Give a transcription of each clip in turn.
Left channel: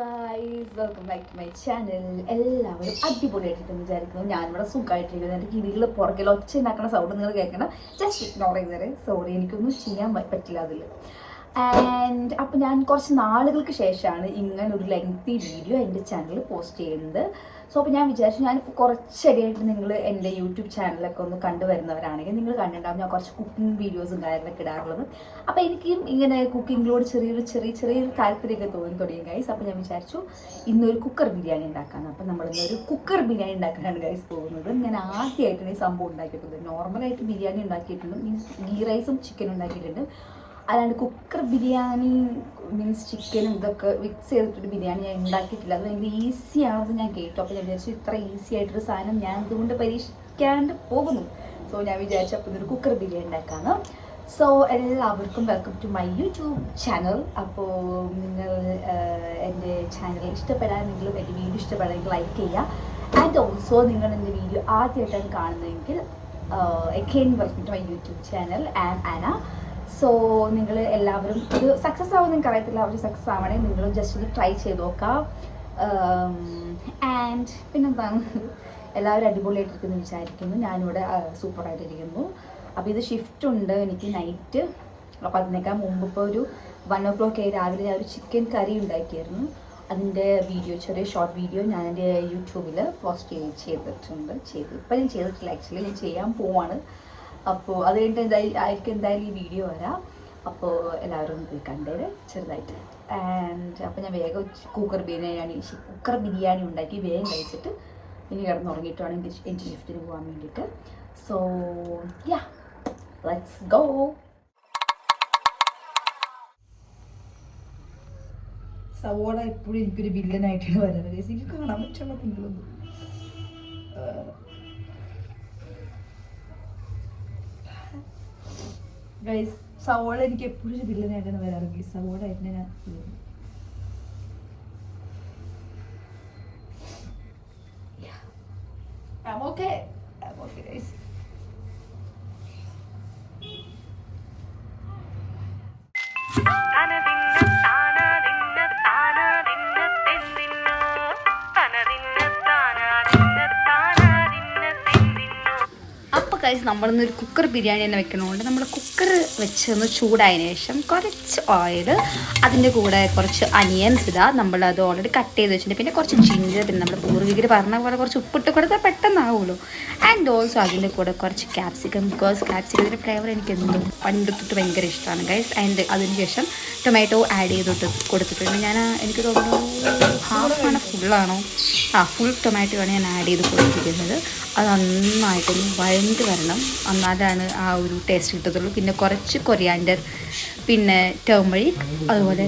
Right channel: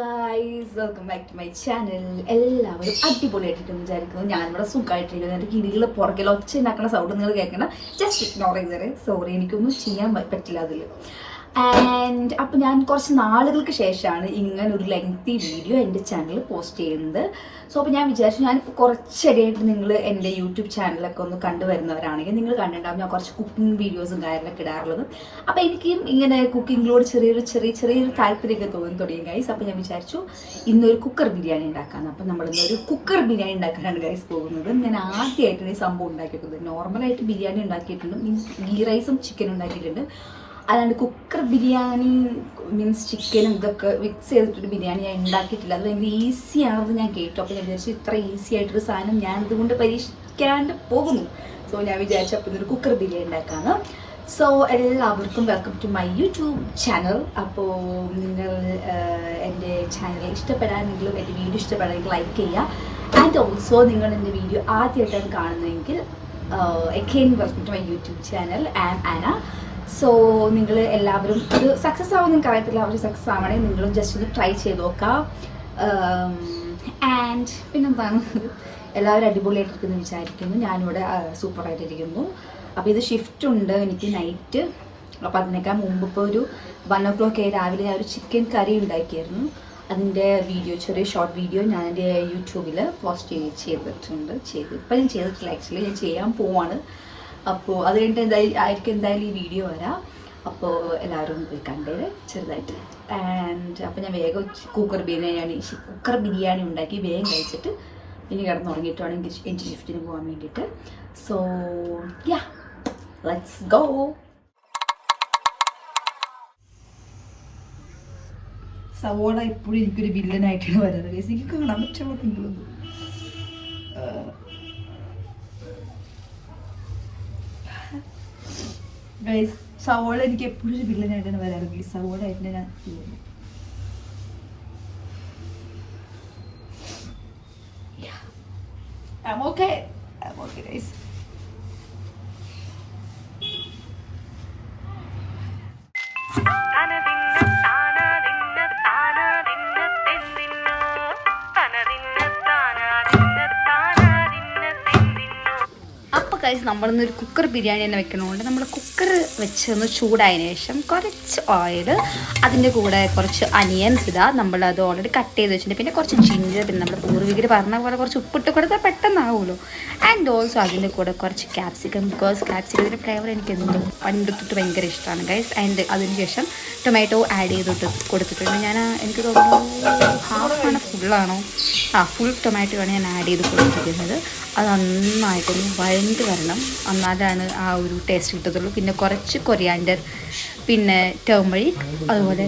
Guys, welcome back to my channel. എല്ലാവരും അടിപൊളിയായിട്ടിരിക്കുന്നു വിചാരിക്കുന്നു. ഞാനിവിടെ സുഖമായിട്ടിരിക്കുന്നു. എൻ്റെ കിളികളെ പുറകിൽ ഒച്ച ഉണ്ടാക്കുന്ന സൗണ്ട് നിങ്ങൾ കേൾക്കണം. Just ignore ചെയ്തേരെ. സോറി, എനിക്കൊന്നും ചെയ്യാൻ പറ്റില്ല അതിൽ. ആൻഡ് അപ്പോൾ ഞാൻ കുറച്ച് നാളുകൾക്ക് ശേഷമാണ് ഇങ്ങനെ ഒരു ലെങ്തി വീഡിയോ എൻ്റെ ചാനലിൽ പോസ്റ്റ് ചെയ്യുന്നത്. സോ അപ്പോൾ ഞാൻ വിചാരിച്ചു, ഞാനിപ്പോൾ കുറച്ചടിയായിട്ട് നിങ്ങൾ എൻ്റെ യൂട്യൂബ് ചാനലൊക്കെ ഒന്ന് കണ്ടുവരുന്നവരാണെങ്കിൽ നിങ്ങൾ കണ്ടിട്ടുണ്ടാവും ഞാൻ കുറച്ച് കുക്കിംഗ് വീഡിയോസും കാര്യങ്ങളൊക്കെ ഇടാറുള്ളത്. അപ്പോൾ എനിക്കും ഇങ്ങനെ കുക്കിങ്ങിലോട് ചെറിയൊരു താല്പര്യമൊക്കെ തോന്നി തുടങ്ങി ഗൈസ്. അപ്പോൾ ഞാൻ വിചാരിച്ചു ഇന്നൊരു കുക്കർ ബിരിയാണി ഉണ്ടാക്കാൻ. അപ്പോൾ നമ്മളിന്നൊരു കുക്കർ ബിരിയാണി ഉണ്ടാക്കാനാണ് ഗൈസ് പോകുന്നത്. ഞാൻ ആദ്യമായിട്ടാണ് ഈ സംഭവം ഉണ്ടാക്കിയിട്ടുള്ളത്. നോർമലായിട്ട് ബിരിയാണി ഉണ്ടാക്കിയിട്ടുണ്ട്, മീൻസ് ഗീ റൈസും ചിക്കനും ഉണ്ടാക്കിയിട്ടുണ്ട്. അല്ലാണ്ട് കുക്കർ ബിരിയാണി മീൻസ് ചിക്കനും ഇതൊക്കെ മിക്സ് ചെയ്തിട്ടൊരു ബിരിയാണി ഞാൻ ഉണ്ടാക്കിയിട്ടില്ല. അത് ഭയങ്കര ഈസിയാണെന്ന് ഞാൻ കേട്ടു. അപ്പോൾ ഞാൻ വിചാരിച്ചു ഇത്ര ഈസി ആയിട്ടൊരു സാധനം ഞാൻ ഇതുകൊണ്ട് പരീക്ഷിക്കാണ്ട് പോകുന്നു. സോ ഞാൻ വിചാരിച്ചു അപ്പോൾ ഇതൊരു കുക്കർ ബിരിയാണി ഉണ്ടാക്കാമെന്ന്. സോ എല്ലാവർക്കും welcome to my YouTube channel. അപ്പോൾ നിങ്ങൾ എൻ്റെ ചാനൽ ഇഷ്ടപ്പെടാനെങ്കിലും എൻ്റെ വീഡിയോ ഇഷ്ടപ്പെടാനെങ്കിൽ ലൈക്ക് ചെയ്യുക. ആൻഡ് ഓൾസോ നിങ്ങൾ എൻ്റെ വീഡിയോ ആദ്യമായിട്ടാണ് കാണുന്നതെങ്കിൽ again welcome to my YouTube channel and ആന. സോ നിങ്ങൾ എല്ലാവരും ഇത് സക്സസ് ആവുമെന്ന് നിങ്ങൾക്ക് അറിയത്തില്ല. അവർ സക്സസ് ആവണമെങ്കിൽ നിങ്ങളും ജസ്റ്റ് ഒന്ന് ട്രൈ ചെയ്ത് നോക്കാം. ആൻഡ് പിന്നെന്താണ്, എല്ലാവരും അടിപൊളിയായിട്ടിരിക്കുന്നു വിചാരിക്കുന്നു. ഞാനിവിടെ സൂപ്പറായിട്ടിരിക്കുന്നു. അപ്പോൾ ഇത് ഷിഫ്റ്റ് ഉണ്ട് എനിക്ക് നൈറ്റ്. അപ്പോൾ അതിനേക്കാൾ മുമ്പ് ഇപ്പോൾ ഒരു 1 o'clock രാവിലെ ഞാൻ ഒരു ചിക്കൻ കറി ഉണ്ടാക്കിയായിരുന്നു. അതിൻ്റെ വീഡിയോ, ചെറിയ ഷോർട്ട് വീഡിയോ ഞാൻ എൻ്റെ യൂട്യൂബിൽ പോസ്റ്റ് ചെയ്തിട്ടുണ്ട്. ഇപ്പം ഞാൻ ചെയ്തിട്ടില്ല, ആക്ച്വലി ഞാൻ ചെയ്യാൻ പോവാണ്. അപ്പോൾ അത് കഴിഞ്ഞിട്ട് എന്തായാലും ഈ വീഡിയോ വരാം. അപ്പോൾ എല്ലാവരും പോയി കണ്ടത് ചെറുതായിട്ട്. ആൻഡ് അപ്പോൾ ഞാൻ വേഗം കുക്കർ ബിരിയാണി ഉണ്ടാക്കി വേഗം കഴിച്ചിട്ട് ഇനി കിടന്നുറങ്ങിയിട്ടാണ് എനിക്ക് ഷിഫ്റ്റിന് പോകാൻ വേണ്ടിയിട്ട്. So yeah, let's go. സവോള ഇപ്പോഴും എനിക്കൊരു വില്ലനായിട്ടാണ് വരുന്നത്. എനിക്ക് കാണാൻ പറ്റുള്ള നിങ്ങളൊന്നും ഗൈസ്, സവോള എനിക്ക് എപ്പോഴും ഒരു വില്ലനായിട്ടാണ് വരാറ് ഗൈസ്. സവോള ആയിട്ട് ഞാൻ I'm okay guys. ഗൈസ്, നമ്മളിന്നൊരു കുക്കർ ബിരിയാണി തന്നെ വെക്കണതുകൊണ്ട് നമ്മൾ കുക്കർ വെച്ചൊന്ന് ചൂടായതിനു ശേഷം കുറച്ച് ഓയിൽ, അതിൻ്റെ കൂടെ കുറച്ച് അനിയൻസ് ഇതാ, നമ്മളത് ഓൾറെഡി കട്ട് ചെയ്ത് വെച്ചിട്ടുണ്ട്. പിന്നെ കുറച്ച് ജിഞ്ചർ, പിന്നെ നമ്മൾ പൂർവികർ പറഞ്ഞ പോലെ കുറച്ച് ഉപ്പിട്ട് കൊടുത്താൽ പെട്ടെന്നാവുമല്ലോ. ആൻഡ് ഓൾസോ അതിൻ്റെ കൂടെ കുറച്ച് ക്യാപ്സിക്കം, ബിക്കോസ് ക്യാപ്സിക്കത്തിൻ്റെ ഫ്ലേവർ എനിക്ക് എന്തോ പണ്ടെടുത്തിട്ട് ഭയങ്കര ഇഷ്ടമാണ് ഗൈസ്. ആൻഡ് അതിന് ശേഷം ടൊമാറ്റോ ആഡ് ചെയ്തിട്ട് കൊടുത്തിട്ടുണ്ട്. ഞാൻ എനിക്ക് തോന്നുന്നു ഹാഫാണ്, ഫുള്ളാണോ? ഫുൾ ടൊമാറ്റോ ആണ് ഞാൻ ആഡ് ചെയ്ത് കൊടുത്തിരിക്കുന്നത്. അത് നന്നായിട്ടൊന്ന് വഴണ്ട് വരണം, എന്നാലാണ് ആ ഒരു ടേസ്റ്റ് കിട്ടത്തുള്ളൂ. പിന്നെ കുറച്ച് കൊറിയാൻഡർ, പിന്നെ ടർമറിക്, അതുപോലെ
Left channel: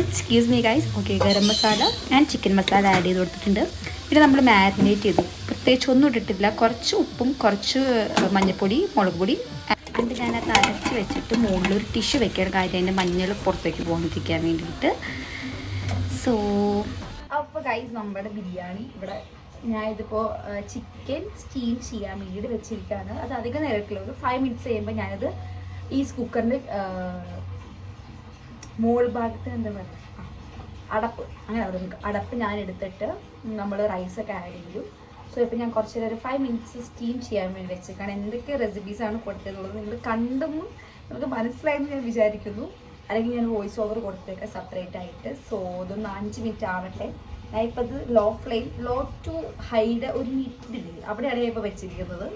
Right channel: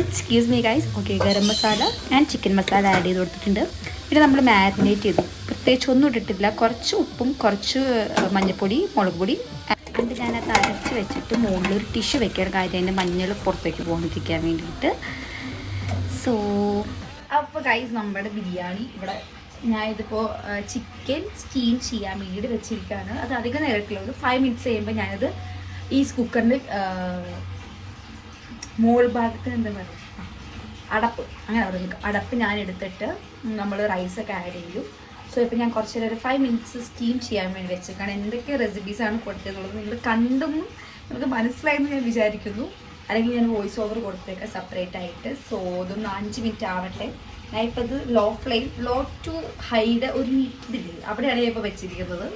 excuse me guys, okay, garam masala and chicken masala add ചെയ്ത് കൊടുത്തിട്ടുണ്ട്. പിന്നെ നമ്മൾ മാരിനേറ്റ് ചെയ്തു, പ്രത്യേകിച്ച് ഒന്നും ഇട്ടിട്ടില്ല. കുറച്ച് ഉപ്പും കുറച്ച് മഞ്ഞൾപ്പൊടി, മുളക് പൊടി. എന്നിട്ട് ഞാനത് അരച്ച് വെച്ചിട്ട് മുകളിലൊരു ടിഷ്യൂ വെക്കാൻ കാര്യം അതിൻ്റെ മഞ്ഞൾ പുറത്തേക്ക് പോകാതിരിക്കാൻ വേണ്ടിയിട്ട്. സോ അപ്പോൾ ഗൈസ്, നമ്മുടെ ബിരിയാണി ഇവിടെ ഞാനിതിപ്പോൾ ചിക്കൻ സ്റ്റീം ചെയ്യാൻ വേണ്ടിയിട്ട് വെച്ചിരിക്കുകയാണ്. അത് അധികം നേരത്തില്ല, ഒരു 5 minutes കഴിയുമ്പോൾ ഞാനിത് ഈ കുക്കറിൻ്റെ മുകൾ ഭാഗത്ത് എന്താ പറയുക, അടപ്പ്, അങ്ങനെ പറയുക, അടപ്പ് ഞാൻ എടുത്തിട്ട് നമ്മൾ റൈസൊക്കെ ആഡ് ചെയ്യും. സോ ഇപ്പോൾ ഞാൻ കുറച്ച് നേരം 5 minutes സ്റ്റീം ചെയ്യാൻ വേണ്ടി വെച്ചേക്കാണ്. എന്തൊക്കെ റെസിപ്പീസാണ് കൊടുത്തതുള്ളത് നിങ്ങൾ കണ്ടും നിങ്ങൾക്ക് മനസ്സിലായെന്ന് ഞാൻ വിചാരിക്കുന്നു. അല്ലെങ്കിൽ ഞാൻ വോയിസ് ഓവർ കൊടുത്തേക്കാം സെപ്പറേറ്റ് ആയിട്ട്. സോ ഇതൊന്ന് 5 minutes ആവട്ടെ. ഞാൻ ഇപ്പോൾ ഇത് ലോ ടു ഹൈയുടെ ഒരു ഇതില്ല, അവിടെയാണ് ഞാൻ ഇപ്പോൾ വെച്ചിരിക്കുന്നത്.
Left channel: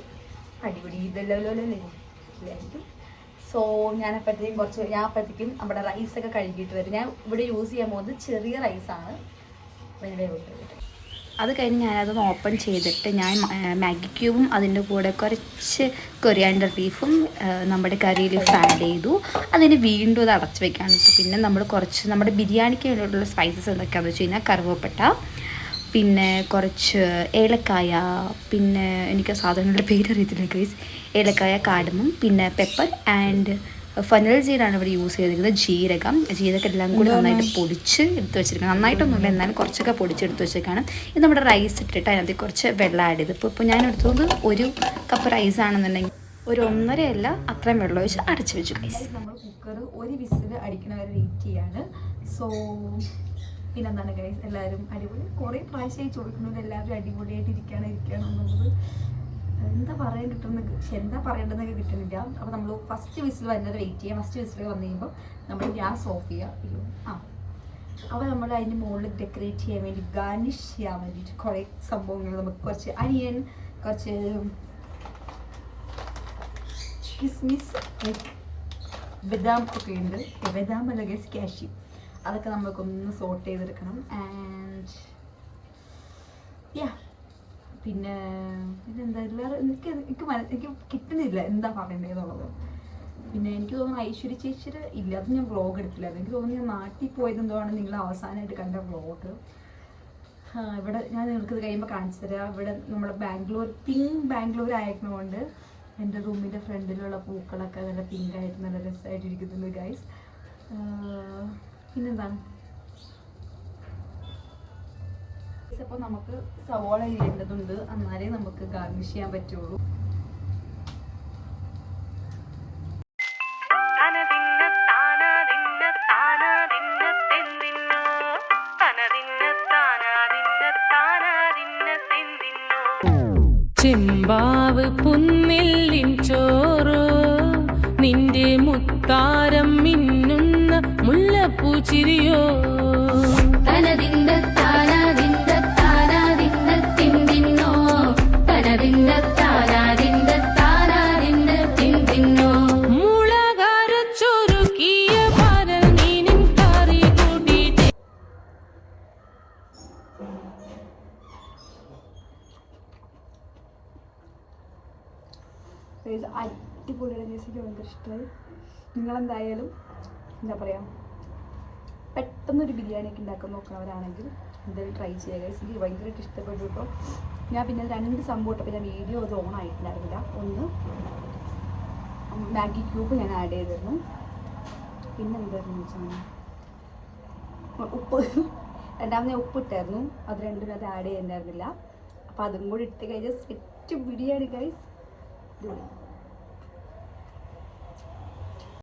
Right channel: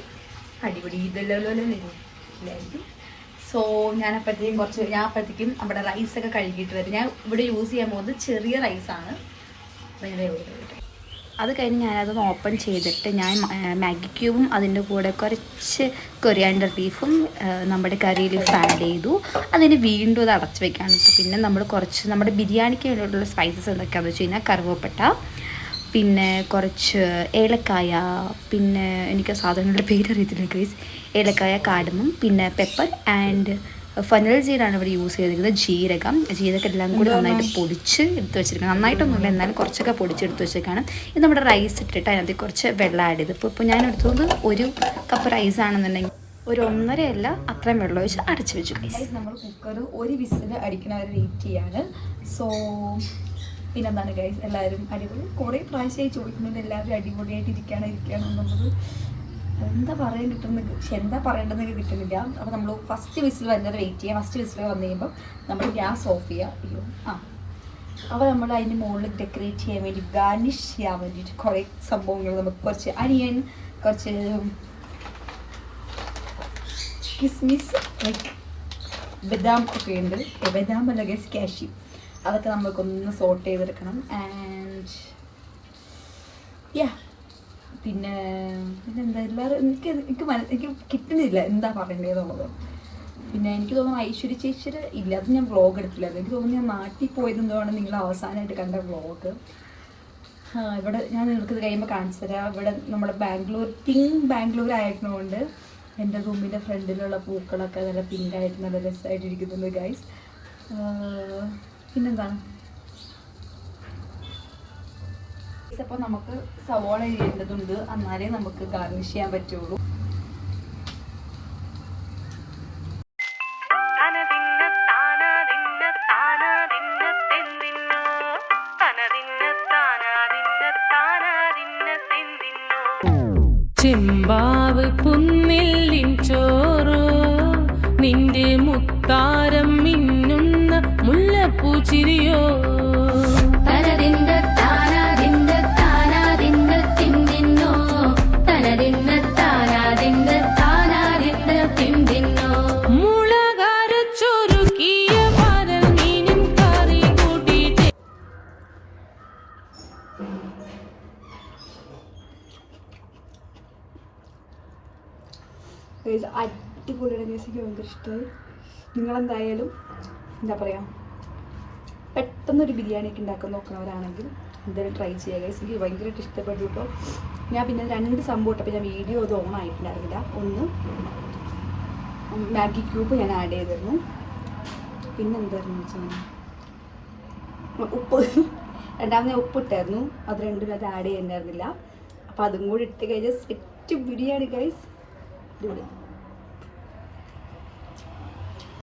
അടിപൊളി ഇതായിരിക്കും. സോ ഞാൻ അപ്പോഴത്തേക്കും നമ്മുടെ റൈസൊക്കെ കഴുകിയിട്ട് വരും. ഞാൻ ഇവിടെ യൂസ് ചെയ്യാൻ പോകുന്നത് ചെറിയ റൈസാണ്. അത് കഴിഞ്ഞ് ഞാനതൊന്ന് ഓപ്പൺ ചെയ്തിട്ട് ഞാൻ മാഗി ക്യൂബും അതിൻ്റെ കൂടെ കുറച്ച് കൊറിയാൻഡർ ലീഫും നമ്മുടെ കറി ലീഫ് ആഡ് ചെയ്തു. അതിന് വീണ്ടും അത് അടച്ച് വെക്കാണ്. പിന്നെ നമ്മൾ കുറച്ച് നമ്മുടെ ബിരിയാണിക്ക് വേണ്ടിയിട്ടുള്ള സ്പൈസസ് എന്തൊക്കെയാണെന്ന് വെച്ച് കഴിഞ്ഞാൽ കറുവപ്പട്ട, പിന്നെ കുറച്ച് ഏലക്കായ, പിന്നെ എനിക്ക് സാധനങ്ങളുടെ പേരറിയത്തില്ല ഗൈസ്, ഏലക്കായ, കാടമും, പിന്നെ പെപ്പർ ആൻഡ് ഫനൽ സീഡാണ് ഇവിടെ യൂസ് ചെയ്തിരിക്കുന്നത്. ജീരകം എല്ലാം കൂടി നന്നായിട്ട് പൊടിച്ച് എടുത്ത് വെച്ചിരിക്കണം. നന്നായിട്ടൊന്നുമില്ല, എന്നാലും കുറച്ചൊക്കെ പൊടിച്ചെടുത്ത് വെച്ചേക്കാണ്. ഇത് നമ്മുടെ റൈസ് ഇട്ടിട്ട് അതിനകത്ത് കുറച്ച് വെള്ളം ആഡ് ചെയ്ത് ഇപ്പോൾ ഞാൻ എടുത്തത് 1 കപ്പ് റൈസ് ആണെന്നുണ്ടെങ്കിൽ ഒരു 1.5 അല്ല അത്രയും വെള്ളം ഒഴിച്ച് അടച്ചു വെച്ചു ഗൈസ്. നമ്മൾ കുക്കർ ഒരു വിസിൽ അടിക്കണ വരെ വെയിറ്റ് ചെയ്യാണ്. സോ പിന്നെന്താണ് ഗൈസ്, എല്ലാവരും അടിപൊളി. കുറേ പ്രാവശ്യമായി ചോദിക്കുന്നത് എല്ലാവരും അടിപൊളിയായിട്ട് ഇരിക്കുകയാണ് എന്നുള്ളത്. എന്താ പറയാൻ കിട്ടുന്നത്, പക്ഷെ എന്താ പറയേണ്ടതെന്ന് കിട്ടുന്നില്ല. അപ്പോൾ നമ്മൾ ഫസ്റ്റ് വിസിൽ വരുന്നത് വെയിറ്റ് ചെയ്യുക. ഫസ്റ്റ് വിസിൽ വന്നു കഴിയുമ്പോൾ നമ്മൾ ഗ്യാസ് ഓഫ് ചെയ്യുക. അപ്പോൾ നമ്മൾ അതിൻ്റെ മുകളിൽ ഡെക്കറേറ്റ് ചെയ്യാൻ വേണ്ടി, ഗാർണിഷ് ചെയ്യാൻ വേണ്ടിയിട്ട് കുറേ സംഭവങ്ങൾ, നമുക്ക് കുറച്ച് അനിയൻ, കുറച്ച് കിസ്മിസ്, ലൈക്ക് ബദാം ഒക്കെ ഉണ്ട്. ബദാം അല്ല ഗൈസ്, കാഷ്യൂ. അതൊക്കെ നമുക്കൊന്ന് സോട്ട് ചെയ്തെടുക്കണം. ആൻഡ് പിന്നെന്താ, എല്ലാവരും എനിക്ക് കിട്ടുന്നില്ല എന്താ പറയേണ്ടതെന്നുള്ളത്. പിന്നെ എനിക്ക് തോന്നുന്നു ഐശ്വര്യ ചേച്ചിയുടെ ഇല്ല, അത് ഞാൻ വ്ളോഗ് എടുത്തില്ലായിരുന്നു. എനിക്ക് തോന്നുന്നു ഞാൻ നാട്ടിൽ പോയതെന്തുകൊണ്ട് നിങ്ങൾ അവസാനമായിട്ട് കണ്ട വ്ളോഗ്. ഇവിടെ ഞാൻ നിങ്ങൾക്ക് കഴിയുമ്പോൾ കാണിച്ചു തരാം. ഇവിടെ നമ്മുടെ ബാംഗ്ലൂർ ആയിരുന്നതുകൊണ്ട് എൻ്റെ റൂമിൻ്റെ ഫ്രണ്ടിലുള്ള പൂക്കളൊക്കെ നല്ല പിങ്കായിട്ട് നല്ല രസമായിട്ട് ഇരിക്കുന്നുണ്ട് ഗൈസ്. പിന്നെന്താണ്, അപ്പോൾ നമുക്ക് സവാള ചെയ്യേണ്ടതുണ്ട്, എന്നാലേ നമുക്ക് ഗാർണിഷ് ചെയ്യാൻ പറ്റുള്ളൂ. ചെമ്പാവ് പുന്നില്ലിൻ ചോറ്, നിന്റെ മുത്താരം മിന്നുന്ന മുല്ലപ്പൂച്ചിരിയോ. അടിപൊളിയുടെ ജ്യൂസിക്ക് ഭയങ്കര ഇഷ്ടമായി. നിങ്ങളെന്തായാലും എന്താ പറയുക, പെട്ടെന്നൊരു ബിരിയാണിയൊക്കെ ഉണ്ടാക്കാൻ നോക്കുന്നവരാണെങ്കിൽ എന്തായാലും ട്രൈ ചെയ്യുക ഗൈസ്. എനിക്ക് ഭയങ്കരമായിട്ട് ഇഷ്ടപ്പെട്ടു. ഇപ്പോൾ ഞാൻ പിന്നെ 2 സംഭവം ഇട്ടപ്പോൾ ഞാൻ വീഡിയോ അത് ഓൺ ആയിട്ടുണ്ടായിരുന്നില്ല. ഒന്ന് മാഗി ക്യൂബ് ഞാൻ ആഡ് ചെയ്തിരുന്നു. പിന്നെ എന്തായിരുന്നു വെച്ചാൽ ഉപ്പ്, രണ്ടാമത് ഞാൻ ഉപ്പിട്ടായിരുന്നു. അത് രണ്ടും അത് ആഡ് ചെയ്യുന്നുണ്ടായിരുന്നില്ല. അപ്പോൾ അതും കൂടി ഇട്ട് കഴിഞ്ഞാൽ സെറ്റ് ബിരിയാണി ഗൈസ്.